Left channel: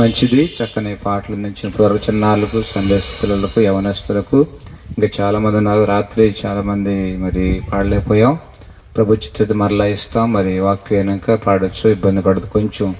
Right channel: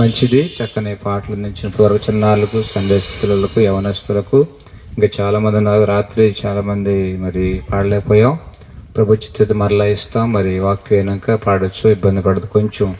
మంచిది చక్కని పాటలు అందించిన ప్రవచనాలకు చిన్నారులకు సందేశస్తులకు యవనస్తులకు. ఇంకా చాలామంది ఉన్నారు. రాత్రి చాలామంది మరి పాడలేకపోయాం. ప్రభు మరలా ఇస్తాం. మరి వాక్యం అయినాక ఇబ్బంది పడదు. కొంచెం